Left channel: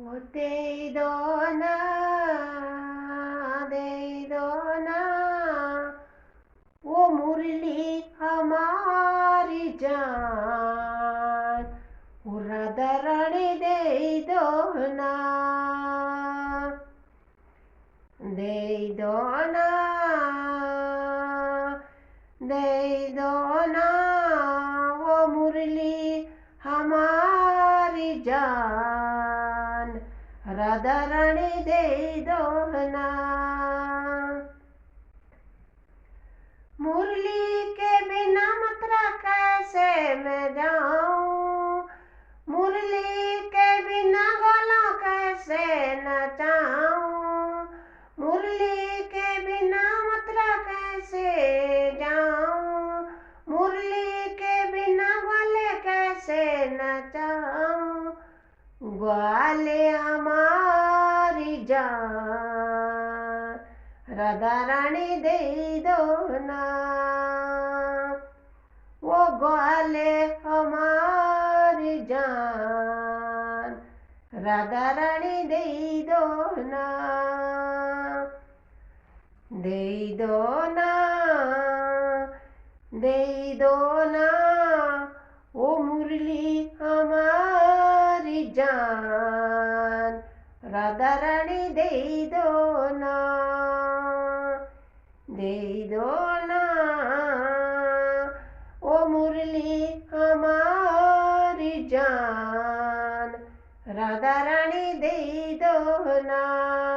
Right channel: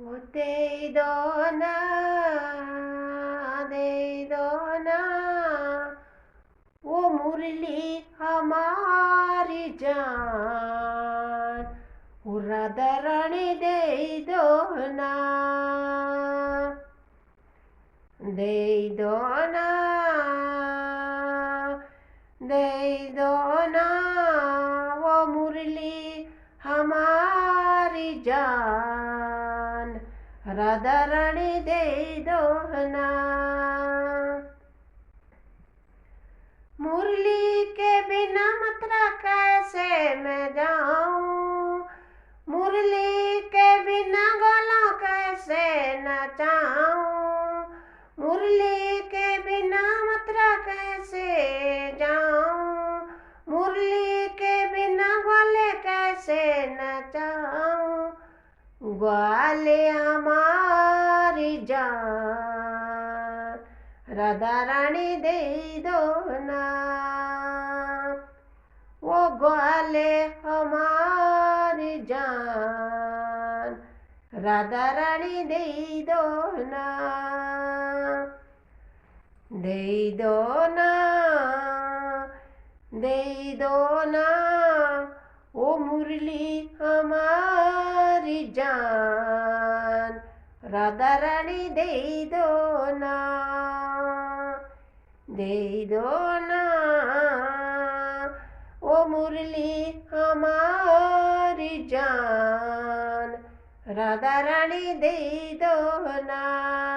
वो दे दो ना, दे दो ना, वो मुरली हमारी जान, वो राधा रानी दे दो ना, दे दो ना, दे दो ना, वो मुरली हमारी जान, राधा रानी दे दो ना। मुरली के बिना मथुरा कैसे मैं जाऊं, मुरली के बिना गलों कैसे नचाऊं, मुरली के बिना मथुरा कैसे जाऊं, मुरली के बिना गले कैसे नचाऊं, ग्वाले हमारी जान, राधा रानी दे दो ना, वो ग्वाले हमारी जान, राधा रानी दे दो ना, दे दो ना, दे दो ना, वो मुरली हमारी जान, राधा रानी दे दो ना, दे दो ना, वो मुरली हमारी जान, राधा रानी दे दो ना।